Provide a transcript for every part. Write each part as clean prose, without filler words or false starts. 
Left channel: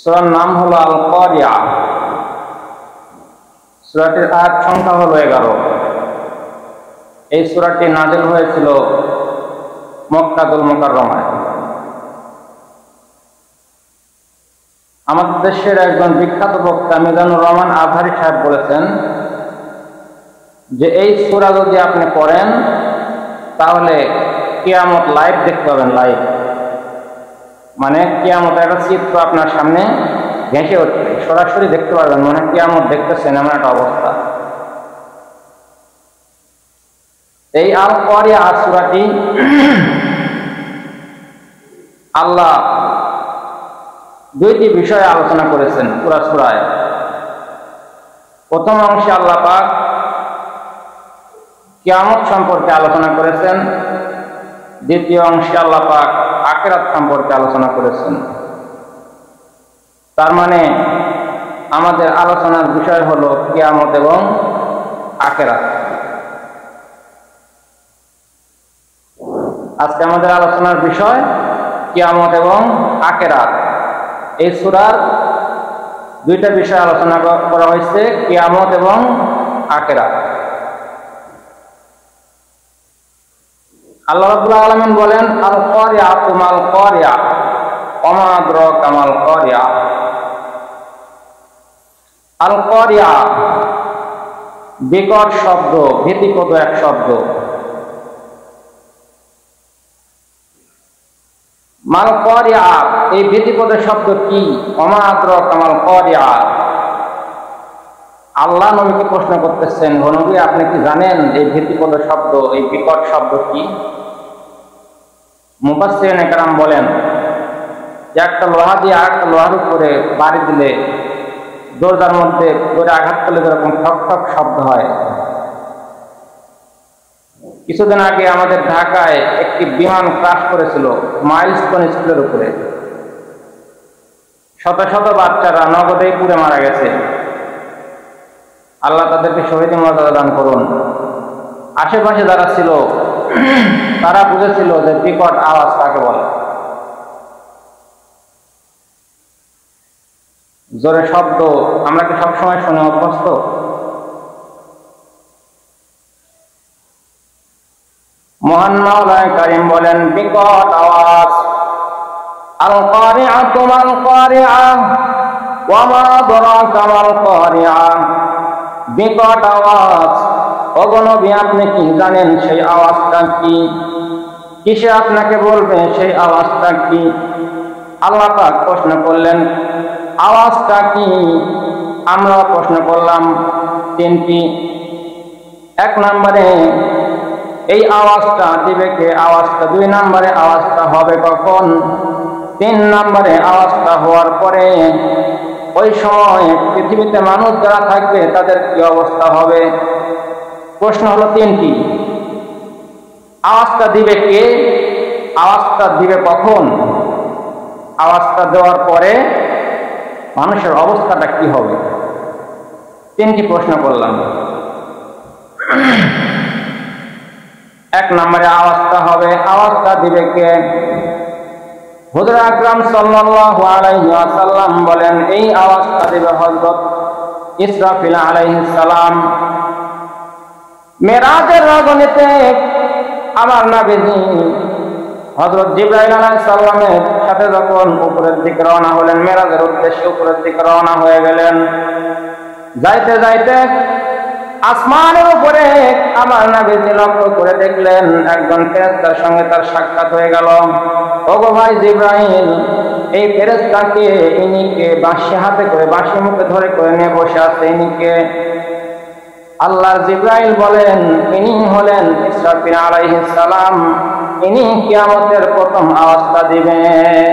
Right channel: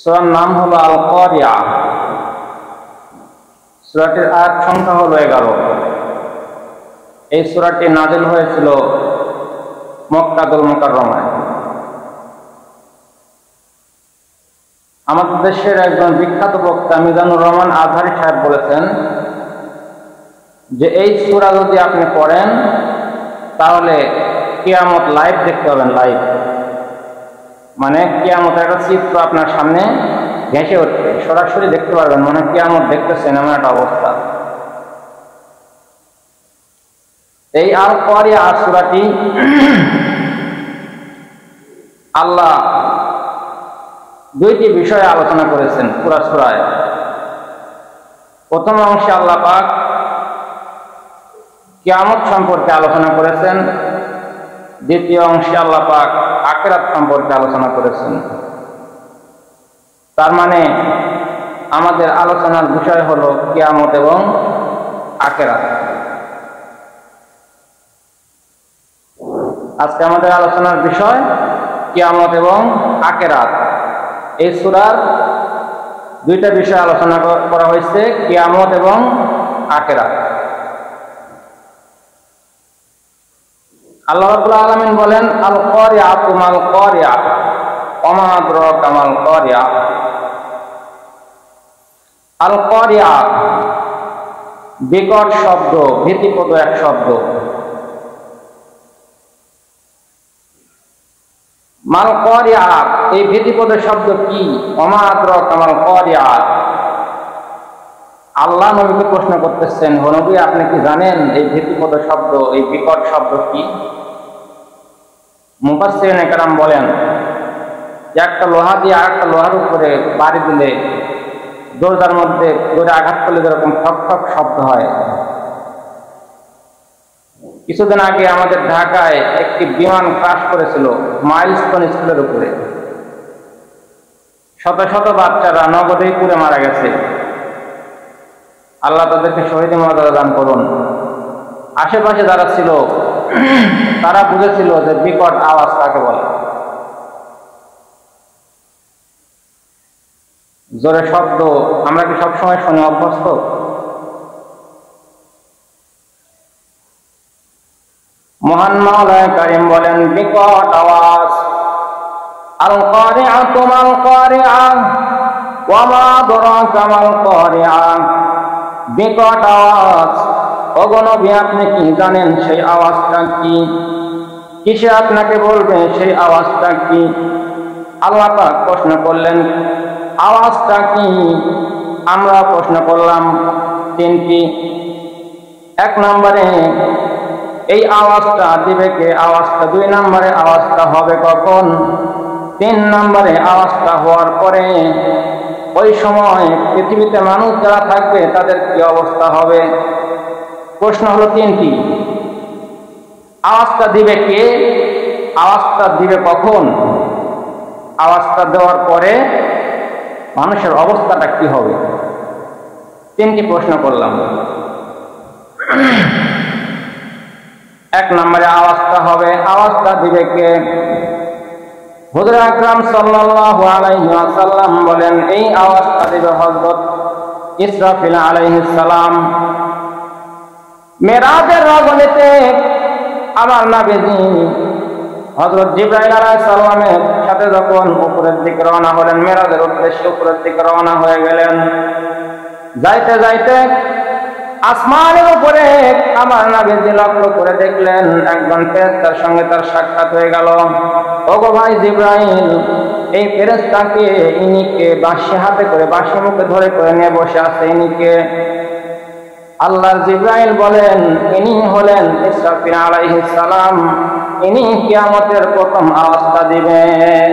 সূরার নাম হলো আল কারিয়া। সূরাটির আয়াত সংখ্যা হলো 11। এই সূরাটি নাযিল হয়েছিল মক্কাতুল মুকাররমায়। আমাদের দেশের একজন বিখ্যাত বক্তা মিজানুর রহমান আজহারী সাহেব বলেছেন যে এই সূরা যদি আপনি পড়েন তাহলে কিয়ামত লাইভ দেখতে পাবেন। লাইভ মানে কিয়ামতের একটা চিত্র আপনার সামনে ভেসে উঠবে, সরাসরি দেখতে পারবেন, মনে হয় কিয়ামত দেখতেছেন এমন একটা অবস্থা। এই আল কারিয়া সূরাটি আল্লাহ দুইটি বিষয়ে আলোচনা করেছেন পুরা সূরায়। প্রথম অংশে আল্লাহ পাক কিয়ামত সম্পর্কে আলোচনা করেছেন, দ্বিতীয় অংশে আল্লাহ পাক আখিরাত সম্পর্কে আলোচনা করেছেন। তার মানে আমাদের আলোচনার বিষয় হলো কিয়ামত এবং আখিরাত। আজকে আমাদের আলোচনার বিষয় কিয়ামত এবং আখিরাত। এই সূরার দুইটা বিষয় আলোচনা করা হয়েছে, কিয়ামত এবং আখিরাত। আল্লাহ রাব্বুল আলামিন বলেন আল কারিয়াতু মাল কারিয়া ওয়া মা আদরাকা মাল কারিয়া। আল কারিয়া বিকট শব্দ, ভীতিপ্রদ এক শব্দ। মাল কারিয়া, এই ভীতিপ্রদ শব্দ কি? ওয়া মা আদরাকা মাল কারিয়া। আল্লাহ নবীকে প্রশ্ন করতেছেন, হে নবী আপনি কি জানেন এই ভীতিপ্রদ শব্দ, এই বিকট শব্দ কি? মুফাসসিরিনে কেরাম বলেন যে একটা লোহা দিয়ে আরেকটা লোহার উপরে বাড়ি দিলে দরজার মধ্যে জোরে আঘাত করলে যেরকম ঠক ঠক শব্দ হয়। কিছুদিন আগে আমাদের ঢাকায় একটি বিমান ক্রাশ করেছিল মাইলস্টোন স্কুলের উপরে। শত শত বাচ্চারা নগদেই পুড়ে মারা গেছে। আল্লাহ তাদেরকে শহীদ মর্যাদা দান করুন। আশেপাশে যারা ছিল তারা বুঝেছিল যে বিকট আওয়াজ কাকে বলে। জোরে শব্দ আমরা কি সবসময় শুনে অভ্যস্ত? মহান মাওলানা কারীম বলেন বিকট আওয়াজ। আল কারিআতু মাল কারিআ ওয়া মা আদরাকা মাল কারিআ। বিকট আওয়াজ। ওগো নবী আপনি কি জানেন সেই আওয়াজটা কি? কিসে আপনাকে বলবে সেই আওয়াজটা কি? আল্লাহ পাক প্রশ্ন করলেন আওয়াজটা কি? আমরা প্রশ্ন করলাম তিনটি। এক নম্বরে এই আওয়াজটা দিবে কে? আওয়াজটা 2 নম্বরে আওয়াজটা হবে কখন? 3 নম্বরে আওয়াজটা হওয়ার পরে ওই সময় পৃথিবীতে মানুষ যারা থাকবে তাদের কি অবস্থা হবে? প্রশ্ন হলো 3টি। আওয়াজটা দিবে কে? আওয়াজটা দিবে কখন? আওয়াজটা দেওয়ার পরে মানুষের অবস্থাটা কি হবে? 3টি প্রশ্ন করলাম। 1 নম্বরে আওয়াজটা হবে, আওয়াজটা দিবে কে? হুজুর আকরাম সাল্লাল্লাহু আলাইহি ওয়াসাল্লাম বলেন এই আওয়াজটা দিবে হযরত ইসরাফিল আলাইহিস সালাম। মেরাজের রজনীতে আমার নবীজি হযরত জিবরাইল আলাইহিস সালামের সাথে যখন উপরের দিকে রওনা হলেন, মেরাজের উদ্দেশ্যে উপরের দিকে রওনা হয়ে গেলেন। যাইতে যাইতে আসমানের উপরে আমার নবীজি লক্ষ্য করে দেখলেন একজন ফেরেশতার সঙ্গে তার সাক্ষাৎ হয়ে গেল। ওগো ভাই জিবরাইল, এই ফেরেশতাকে, ইনিকে বাঁশি হাতে করে বাঁশি মুখে ধরে করে নিয়ে বসে আছে, ইনিকে? আল্লাহর জিবরাইল বলেন ইনি হলেন ইসরাফিল আলাইহিস সালাম। ইনি কিয়ামতের প্রথম আওয়াজটা দিবেন।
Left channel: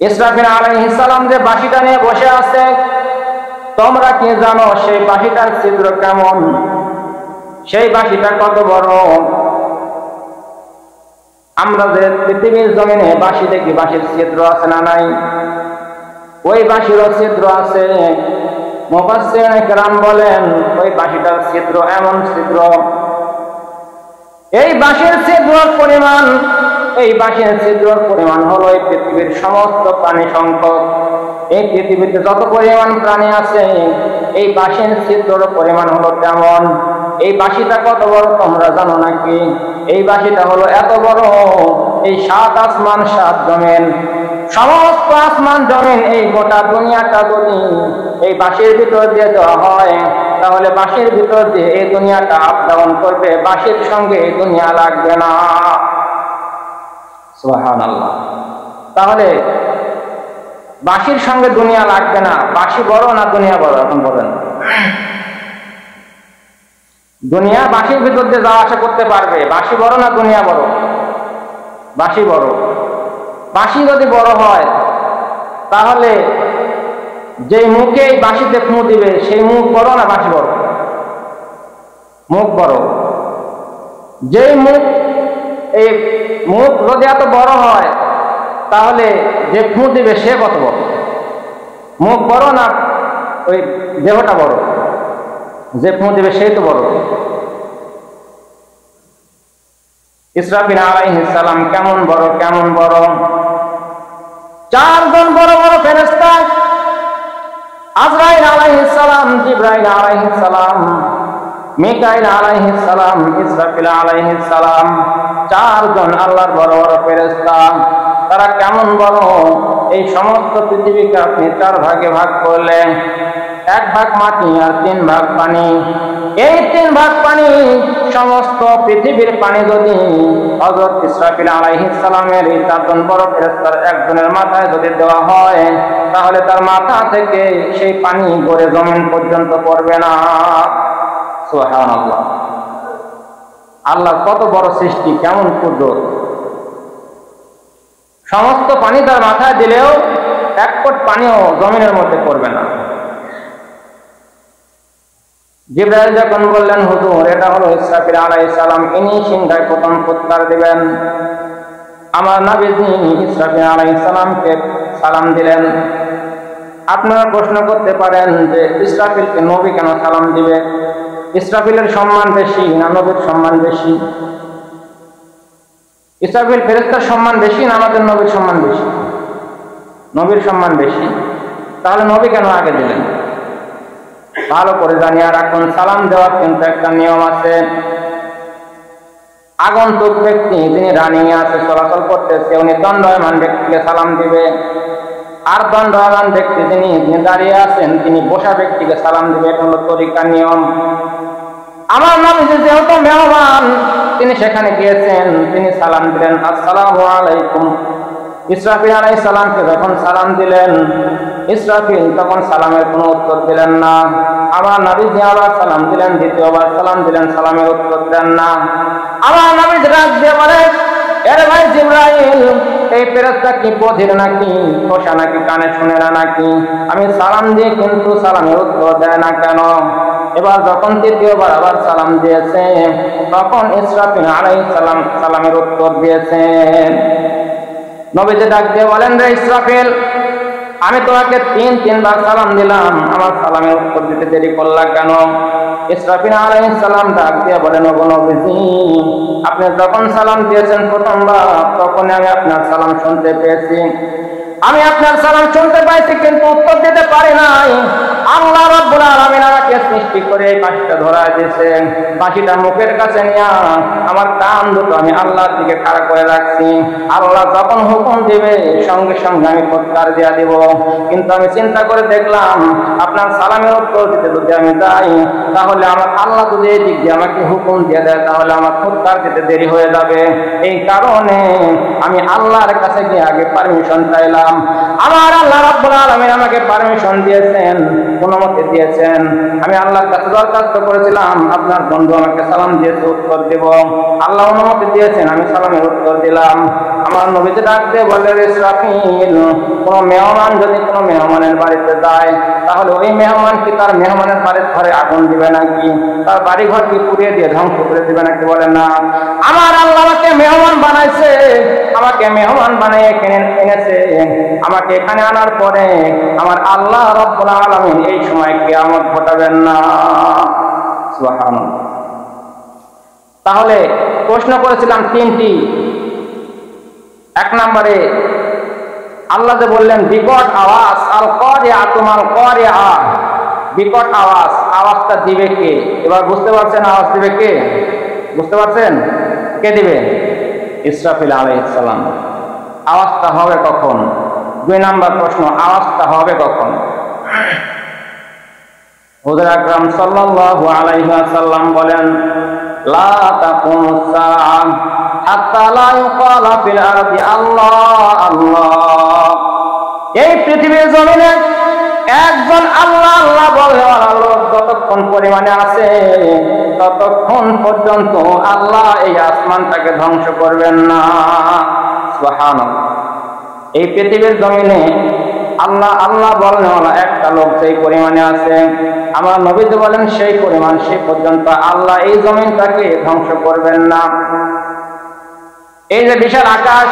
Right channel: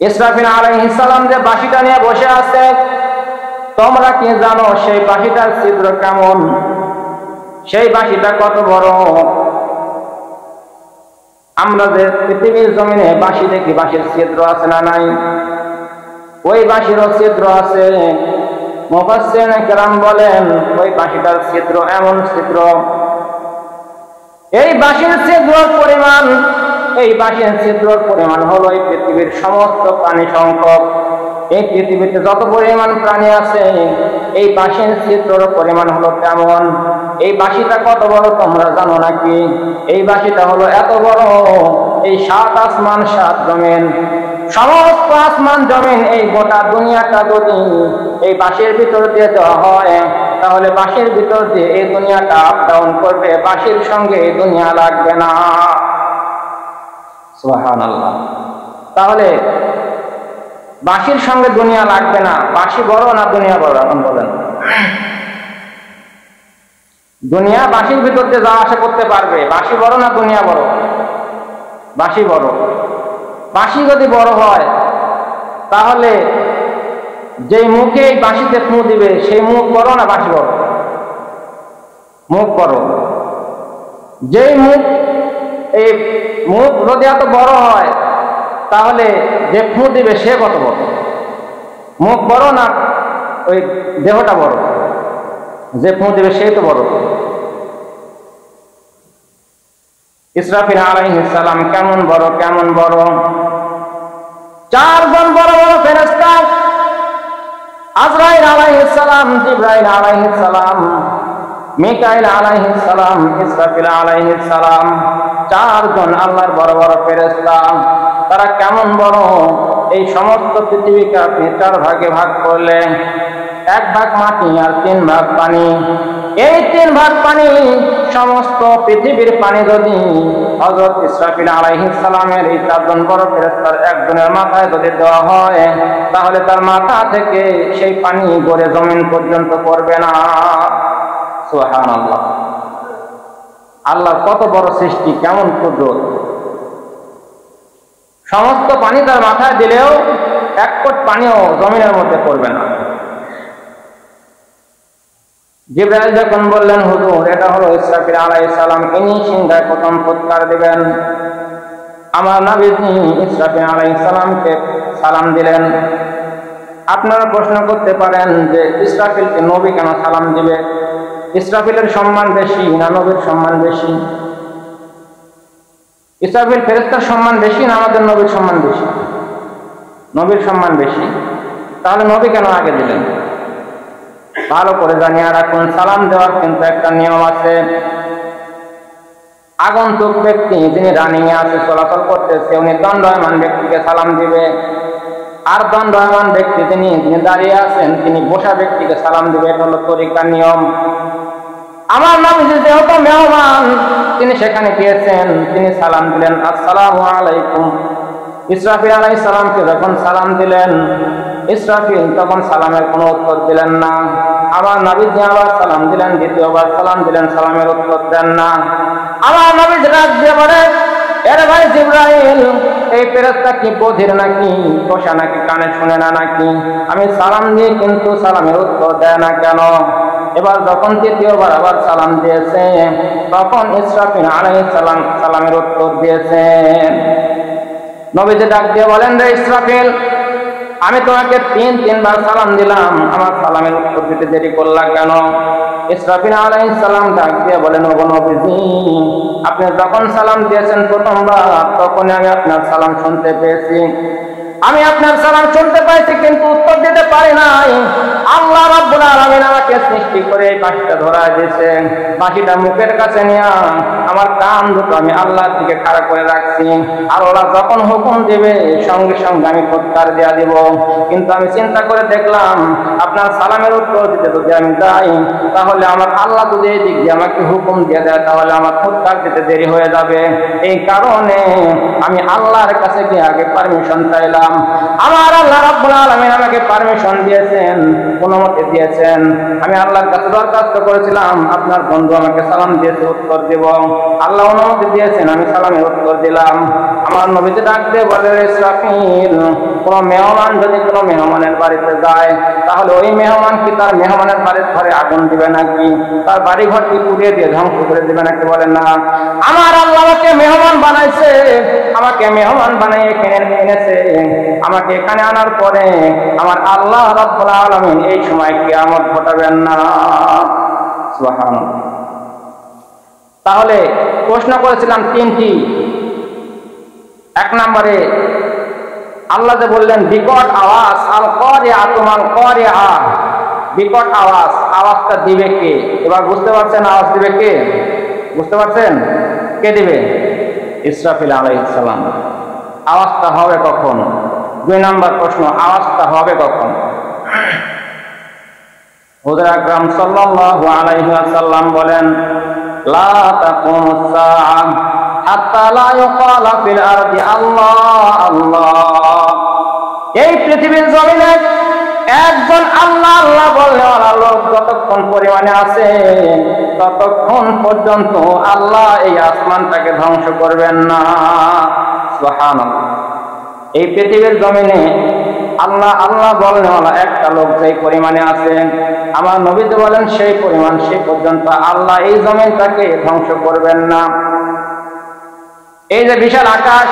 ইসরাফিল আলাইহিস সালাম যে বাঁশিটা নিয়ে বসে আছে, তোমরা কি জানো সেই বাঁশিটার ছিদ্র কেমন? সেই বাঁশিটা কত বড়? আমরা যে পৃথিবীর জমিনে বাঁশি দেখি, বাঁশির ছিদ্র আছে না নাই? ওই বাঁশিরও ছিদ্র আছে। মুফাসসিরিনে কেরাম বলেন ওই বাঁশিটার ছিদ্র এমন ছিদ্র, এই বাঁশির ছিদ্রের পরিমাণ এই বাঁশির ছিদ্রর পরিমাণ হলো এই পৃথিবীর সমস্ত প্রাণী সংখ্যক। এই পৃথিবীতে যত পরিমাণ প্রাণী আছে এই বাঁশির ছিদ্রর পরিমাণ হলো তেমন। এই বাঁশিটা কত বড় তোমরা জানো নাকি? এই বাঁশিটা হলো এত বড়, এই 7 আসমান 7 জমিন, সমস্ত আসমান জমিন, এই গোটা দুনিয়াটা যদি এই বাঁশির ভিতর দিয়ে দেওয়া হয় তাহলে বাঁশির ভিতর দিয়ে এই দুনিয়াটা আপ ডাউন করবে, বাঁশির সঙ্গে এই দুনিয়া লাগবে না। সুবহানাল্লাহ। তাহলে বাঁশির সঙ্গে দুনিয়া লাগবে না, বাঁশি বড় না দুনিয়া বড়? এখন বলেন। দুনিয়া বাঁশির ভিতর দিয়ে যাওয়া আসা করতে পারবে, বাঁশি বড় না দুনিয়া বড়? বাঁশি বড়। বাঁশি যদি বড় হয় তাহলে যেই মুখে এই বাঁশিতে ফুঁ দিবে সেই মুখ বড় না বাঁশি বড়? মুখ বড়। যেই মুখ, এই মুখ যদি এত বড় হয় তাহলে যে ফুঁ দিবে সে কত বড়? মুখ বড় না ওই দেহটা বড়? যে ফুঁ দিবে সেই তো বড়। ইসরাফিল আলাইহিস সালাম কেমন বড়, কেমন বড়! 4 জন বড় বড় ফেরেশতা, আজরাইল আলাইহিস সালাম, জিবরাইল আলাইহিস সালাম, মিকাইল আলাইহিস সালাম, ইসরাফিল আলাইহিস সালাম, 4 জন আল্লাহর বড় বড় ফেরেশতা। তারা কেমন বড়! এই সমস্ত পৃথিবীকে আপনি 4 ভাগে ভাগ করলে 1 ভাগ মাটি আর 3 ভাগ পানি। এই 3 ভাগ পানি, সমস্ত পৃথিবীর পানি যদি হযরত ইসরাফিল আলাইহিস সালামের এই 4 জন বড় ফেরেশতার একজনের মাথায় যদি দেওয়া হয় তাহলে তার মাথা থেকে সেই পানি গড়ে জমিন পর্যন্ত পড়বে না। সুবহানাল্লাহ। আল্লাহর কত বড় সৃষ্টি, কেমন কুদরত! সমস্ত পানি তার মাথায় দিলেও 1 ফোঁটা পানিও জমিনের মধ্যে পড়বে না। জিবরাইল যখন বললেন, হুজুর এটা হলো ইসরাফিল আলাইহিস সালাম, ইনি সিংহায় প্রথম ফুৎকার দিবেন, আমার নবীজি ইসরাফিল আলাইহিস সালামকে সালাম দিলেন। আপনারা প্রশ্ন করতে পারেন যে ইসরাফিলকে নবী কেন সালাম দিবে? ইসরাফিলের সম্মান বেশি না নবীর সম্মান বেশি? ইসরাফিল ফেরেশতার সম্মান বেশি না আমাদের নবীর সম্মান বেশি? নবীর সম্মান বেশি। তাহলে নবী কেন আগে দিলেন? ভালো করে জানিয়ে রাখুন, সালাম দেওয়ার কিন্তু একটা নিয়ম আছে। আগন্তুক ব্যক্তি যিনি রানিং এ আছে, চলাচল করতেছে, উনি দণ্ডায়মান ব্যক্তিকে সালাম দিবে। আর দণ্ডায়মান ব্যক্তি যিনি দাঁড়িয়ে আছেন তিনি বসা ব্যক্তিকে সালাম দিবে। এটা হলো তরিকার নিয়ম। আমার নবী যেহেতু মেহমান, তিনি সেখানে গিয়েছেন, তিনি সালাম দিলেন, আসসালামু আলাইকুম। ইসরাফিল আলাইহিস সালামকে যখন সালাম দিলেন, ইসরাফিল তখন সালামের কোনো উত্তর দিলেন না। আমার নবীজি আবার সালাম দিলেন, দ্বিতীয়বার সালাম দিলেন, সালামের উত্তর দেন না। আমার নবীজি ডাক দিয়ে বলে, আরে ভাই জিবরাইল, এই ফেরেশতা কি বধির নাকি, ঠোসা নাকি, কানে শুনে না নাকি? আমি সালাম দিয়ে কিন্তু সালামের উত্তর দেয় না কেন? এবার যখন তৃতীয়বার আবার সালাম দিয়েছে তখন ইসরাফিল আলাইহিস সালাম সালামের উত্তর দিয়েছেন। নবীজি ডাক দিয়ে বলেন, রে ইসরাফিল, আমি তোমাকে 3বার সালাম দিলাম, আমার সালামের উত্তর দিতে দেরি করলা কেন? ইসরাফিল আলাইহিস সালাম ডাক দিয়ে বলেন, ওগো নবীজি, আপনি যখন সালাম দিয়েছেন প্রথমবার তখনই আমি আপনার সালাম শুনতে পেয়েছি। আমি আপনার সালাম শুনতে পাইছি কিন্তু উত্তর দিতে পারি নাই। আল্লাহ রাব্বুল আলামিন আমাকে সৃষ্টি করে এই বাঁশিটা ধরা দিয়েছে। বাঁশিটা মুখের কাছে নিয়ে আমার কান দুটো আমি আল্লাহর দিকে খাড়া করে রাখছি। আল্লাহ যখন হুকুম দিবে সঙ্গে সঙ্গে আমি ফুৎকার দিয়া দিব। কিন্তু আমি চিন্তা করে দেখলাম আপনার সালামের উত্তর দিতে যদি আমি যাই তাহলে আমার আল্লাহ যদি এই দিক দিয়ে আমাকে হুকুম দিয়ে দেয় তাহলে আমার ফুৎকার দিতে দেরি হয়ে যাবে। এই কারণে আমি আল্লাহর কাছে গিয়ে আগে পারমিশন চাইলাম। আমার আল্লাহ রাব্বুল আলামিন আমাকে পারমিশন দিয়েছেন, অনুমতি দিয়েছেন। আমি আল্লাহর কাছে দরখাস্ত করেছিলাম, আপনার বন্ধু আমাকে সালাম দিয়েছে, উত্তর দেব। আল্লাহ অনুমতি দিয়েছেন, আমি সালামের উত্তর দিলাম। আমার নবীজি ডাক দিয়ে বলে, ইসরাফিল, কোন মেহমান যদি কোনো মেহমানের বাড়িতে যায় তাহলে ওই মেহমান কি তার মেহমানের বাড়ির ঘরে আগুন দিবে নাকি? তার বাড়ি ঘর কি পুড়িয়ে দিয়ে ধ্বংস করে দিবে নাকি? বলেন না। আমার আল্লাহ আমাকে মেহমান বানাইছে, আমাকে মেহমান বানিয়ে এখানে এনেছে। আমাকে এখানে আনার পরে আমার আল্লাহ রাব্বুল আলামিন এই সময় কিয়ামত ঘটাবেন না। সুবহানাল্লাহ। তাহলে প্রশ্ন করেছিলাম 3টি, এক নম্বরে আল্লাহ যে বললেন বিকট আওয়াজ, আল কারিআতু মাল কারিআ, বিকট আওয়াজ, আওয়াজটা দিবে কে? এবার বুঝতে পারছেন আওয়াজ দিবে কে? বুঝতে পারছেন কে দিবে? ইসরাফিল আলাইহিস সালাম। আওয়াজটা হবে কখন? 2 নম্বর প্রশ্ন, আওয়াজটা হবে কখন? হুজুর আকরাম সাল্লাল্লাহু আলাইহি ওয়াসাল্লাম বলেন, লা তাকুমুস সাআ হাত্তা লা ইউকালা ফিল আরদি আল্লাহ আল্লাহ। এই পৃথিবীর জমিনে একজন আল্লাহ আল্লাহ বলনেওয়ালা লোক যতক্ষণ পরিমাণে আছে ততক্ষণ পর্যন্ত আল্লাহ এই আসমানটাকে ধ্বংস করবেন না। সুবহানাল্লাহ। এই পৃথিবীর জমিনে আল্লাহ আল্লাহ বলনেওয়ালা একটা লোক যেই পরিমাণে আছে, আমার নবীজি বলেন সেই পরিমাণ সেই পর্যন্ত আল্লাহ এই জমিনটাকে ধ্বংস করবেন না। এই যে বিশাল আকাশ,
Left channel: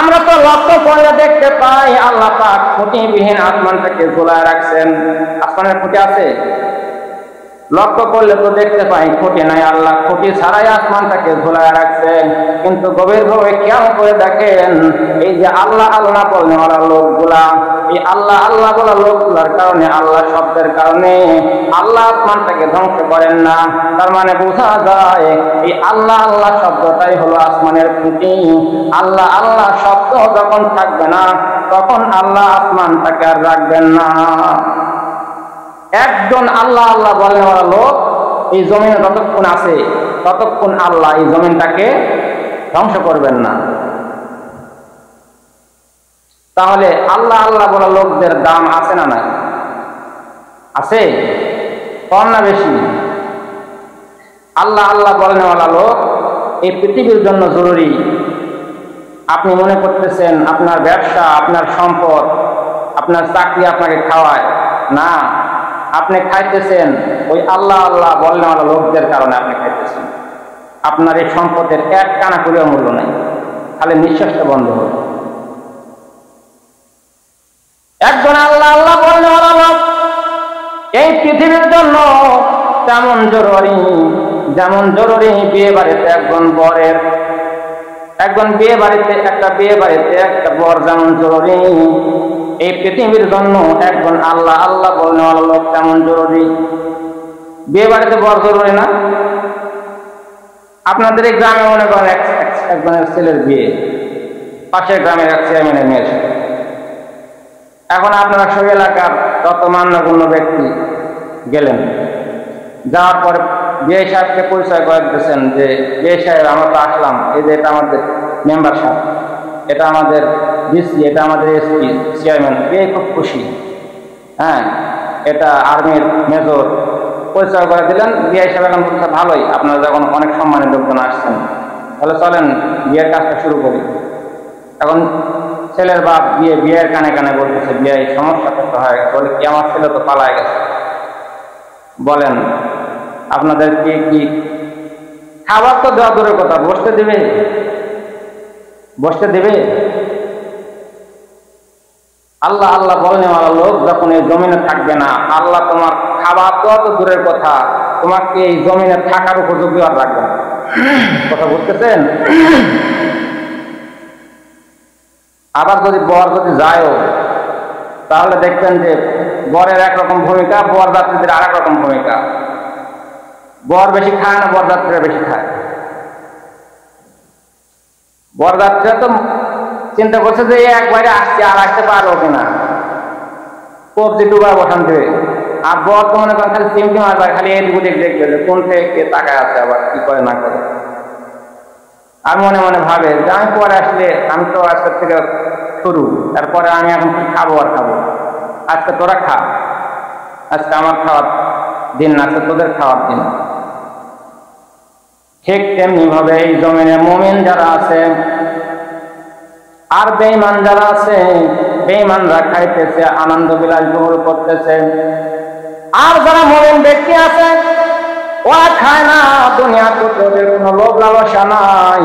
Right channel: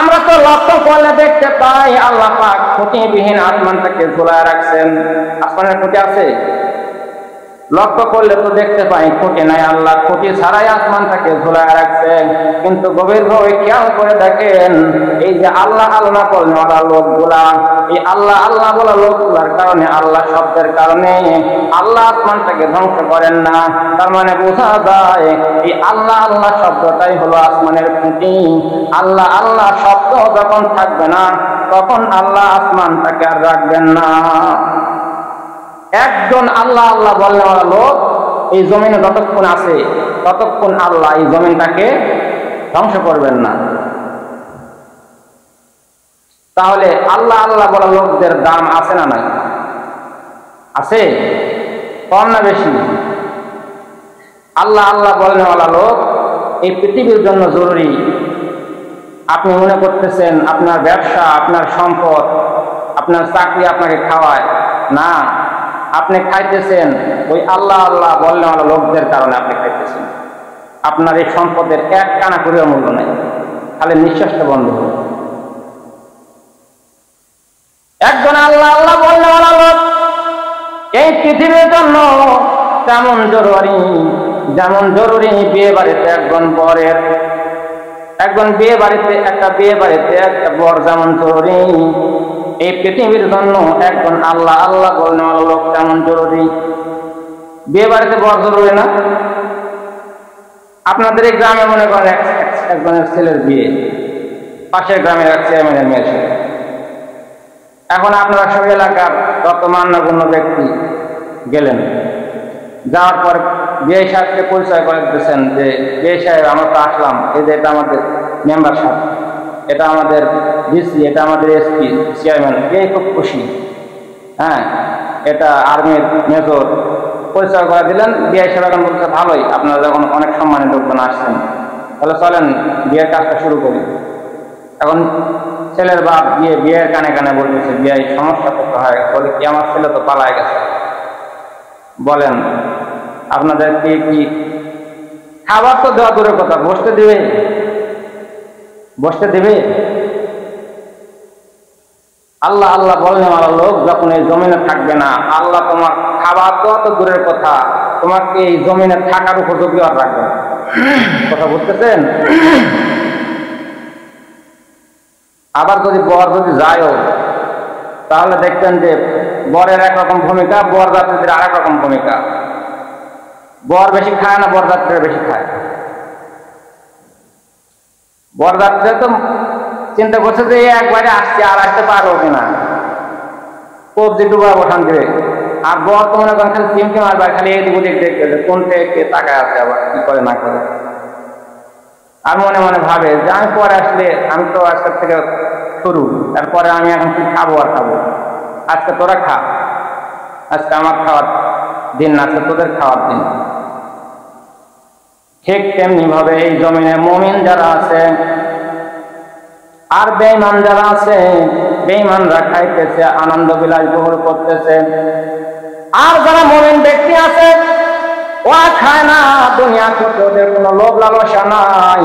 আমরা তো লক্ষ্য করলে দেখতে পাই আল্লাহ পাক খুঁটিবিহীন আসমানটাকে ঝুলায় রাখছেন। আসমানের খুঁটি আছে? লক্ষ্য করলে তো দেখতে পাই খুঁটি নাই, আল্লাহ খুঁটি ছাড়াই আসমানটাকে ঝুলায় রাখছেন। কিন্তু গভীরভাবে খেয়াল করে দেখেন, এই যে আল্লাহ আল্লাহ বলনেওয়ালা লোকগুলা, এই আল্লাহ আল্লাহ বলা লোকগুলার কারণে, আল্লাহ শব্দের কারণে আল্লাহ আসমানটাকে ধ্বংস করেন না। তার মানে বোঝা যায় এই আল্লাহ আল্লাহ শব্দটাই হলো আসমানের খুঁটি। আল্লাহ আল্লাহ শব্দ যখন থাকবে না তখন আল্লাহ আসমানটাকে আর রাখবেন না। একজন আল্লাহ আল্লাহ বলনেওয়ালা লোক এই জমিনে যতক্ষণ আছে ততক্ষণ আল্লাহ এই জমিনটাকে ধ্বংস করবেন না। তাহলে আল্লাহ আল্লাহ বলা লোকদের দাম আছে না নাই? আছে? কম না বেশি? আল্লাহ আল্লাহ বলনেওয়ালা লোক এই পৃথিবীর জন্য জরুরি। আপনি মনে করতেছেন আপনার ব্যবসা, আপনার সম্পদ, আপনার চাকরি আপনাকে খাওয়ায় না, আপনি খাইতেছেন ওই আল্লাহ আল্লাহ বলনেওয়ালা লোকদের কারণে আপনি খাইতেছেন। আপনার এই সম্পদের এক কানা করিও মূল্য নাই, খালি নিঃশ্বাসটা বন্ধ হোক। একজন আল্লাহ আল্লাহ বলনেওয়ালা লোক এই পৃথিবীর জন্য তেমন জরুরি, যেমন জরুরি বিয়ে বাড়িতে একটা বর যেমন জরুরি, এই পৃথিবীর জন্য একজন আল্লাহ আল্লাহ বলনেওয়ালা লোক তেমন জরুরি। বিয়ে বাড়িতে বর জরুরি না? আপনাদের এই গ্রামে মনে করেন একজনের ছেলের বিয়ে পাশের গ্রামের এক চেয়ারম্যানের মেয়ের সাথে। এখন আপনারা সব এলাকার যত মান্যগণ্য ব্যক্তি গেলেন, যাওয়ার পরে বিয়ে সাহেবকে পরিচয় করে দিতেছেন যে বিয়ে সাহেব আমরা তো আসলাম, এই যে এটা আমাদের মেম্বার সাহেব, এটা আমাদের ডিসি, এটা আমাদের এসপি চেয়ারম্যান। এই খুব খুশি, হ্যাঁ এটা আর্মির মেজর, পরিচয় করে দিলেন। বিয়ে সাহেব এখন বলছে ভালোই, আপনারা যখন অনেক সম্মানের লোকজন আসছেন তাহলে চলেন বিয়ের কাজটা শুরু করি। এখন ছেলের বাপ বিয়ের কানে কানে বলতেছে বিয়ে সমস্যা তো হয়ে গেছে। বলে কি, আমার ছেলে তো পালায় গেছে। বলেন আপনাদের কি খাবার তো দেওয়া দূরের কথা, বসতে দিবে? আল্লাহ আল্লাহ বলনেওয়ালা লোক যখন এই জমিনে থাকবে না, আল্লাহ তোমার খাবার দেওয়া তো দূরের কথা, তোমাকে এই জমিনে থাকার উপযোগী আর রাখবে না। কথা বুঝতেছেন? আবার যদি বর যায়ও তাহলে দেখবেন যে বরের একরকম ভূমিকা, বরযাত্রীদের আর এক রকম ভূমিকা। বর বেশি খায় না বরযাত্রীরা বেশি খায়? বরযাত্রীরা তো চিন্তা করছে যে একবারে আসছে আর আসতে পারবো কিনা, কবজি ডুবা বসান দেবে। আর বর তো মনে করেন খালি চিমটি মারবার, খালি এদিক ওদিক দেখবে যে কোনটা কে তাকায় আছে, আবার কি করে না করে। আর মনে মনে ভাবে যে আমি পরে আসলে, আমি তো আজকের থেকে শুরু, তারপরে আমি এখন খালি খাবো আর খাবো। আজকে তোরা খা, আজকে আমার খাওয়ার দিন না, আজকে তোদের খাওয়ার দিন। ঠিক তেমনি ভাবে এই জমিনে মুমিন যারা আছে আর বেঈমান যারা আছে, বেঈমানরা খাইতেছে, আনন্দ বিলাস গ্রহণ করতেছে। আর যারা মুমিন ব্যক্তি আছে ওরা খায় না, দুনিয়ার প্রতি ওদের কোনো লোভ লালসা নাই,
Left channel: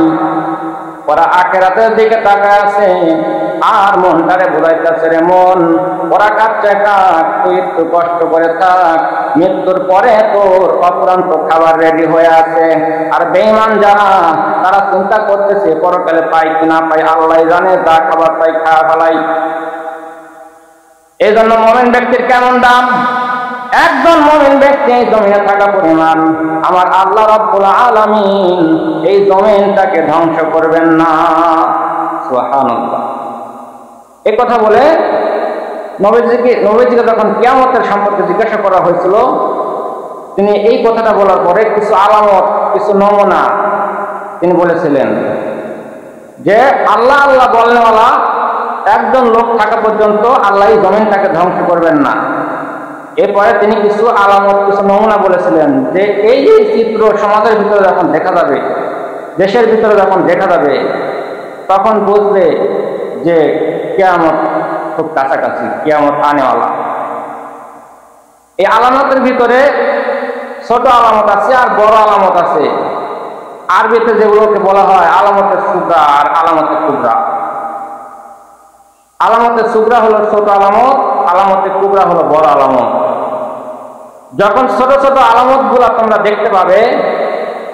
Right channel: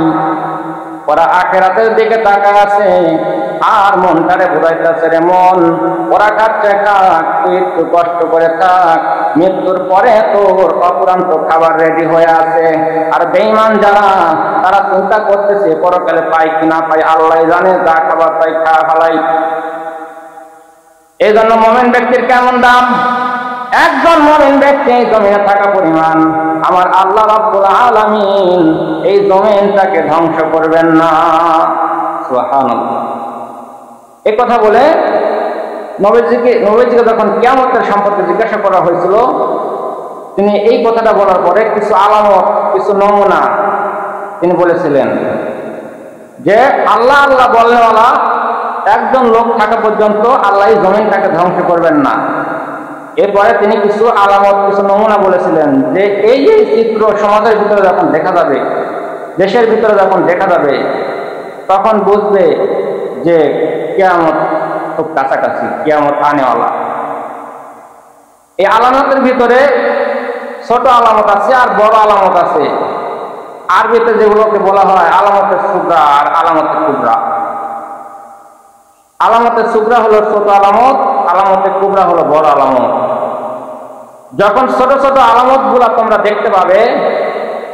ওরা আখিরাতের দিকে তাকায় আছে। আর মনটারে বুঝাইতেছে, রে মন ওরা খাচ্ছে খাক, তুই একটু কষ্ট করে থাক, মৃত্যুর পরে তোর অফুরন্ত খাবার রেডি হয়ে আছে। আর বেঈমান যারা, তারা চিন্তা করতেছে পরকালে পাই কি না পাই আল্লাহ জানে, যা খাবার পাই খাওয়া ফেলাই। এই জন্য মুমিন ব্যক্তির কেমন দাম। একজন মুমিন ব্যক্তি এই জমিনে থাকা পরিমাণ আমার আল্লাহ রাব্বুল আলামিন এই জমিনটাকে ধ্বংস করবেন না। সুবহানাল্লাহ। এই কথা বলে নবীজিকে যখন কিয়ামতের সম্পর্কে জিজ্ঞাসা করা হয়েছিল, তিনি এই কথাটা বলার পরে কিছু আলামত, কিছু নমুনা তিনি বলেছিলেন যে আল্লাহ আল্লাহ বলনেওয়ালা একজন লোক থাকা পর্যন্ত আল্লাহ এই জমিনটাকে ধ্বংস করবেন না। এরপরে তিনি কিছু আলামত, কিছু নমুনা বলেছিলেন যে এই চিত্র সমাজের ভিতরে যখন দেখা যাবে, দেশের ভিতরে যখন দেখা যাবে, তখন বুঝবে যে কিয়ামত খুব কাছাকাছি, কিয়ামত আনেওয়ালা। এই আলামতের ভিতরে ছোট আলামত আছে আর বড় আলামত আছে। আরবিতে যেগুলোকে বলা হয় আলামতে সুগরা আর আলামতে কুবরা। আলামতে সুগরা হলো ছোট আলামত, আলামতে কুবরা হলো বড় আলামত। যখন ছোট ছোট আলামত গুলা তোমরা দেখতে পাবে,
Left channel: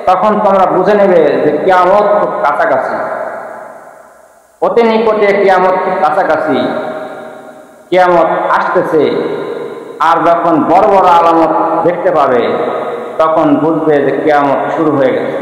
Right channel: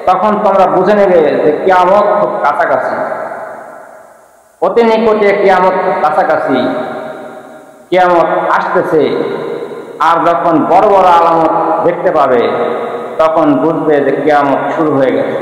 তখন তোমরা বুঝে নেবে যে কিয়ামত খুব কাছাকাছি, অতি নিকটে কিয়ামত খুব কাছাকাছি, কিয়ামত আসতেছে। আর যখন বড় বড় আলামত দেখতে পাবে, তখন বুঝবে যে কিয়ামত শুরু হয়ে গেছে।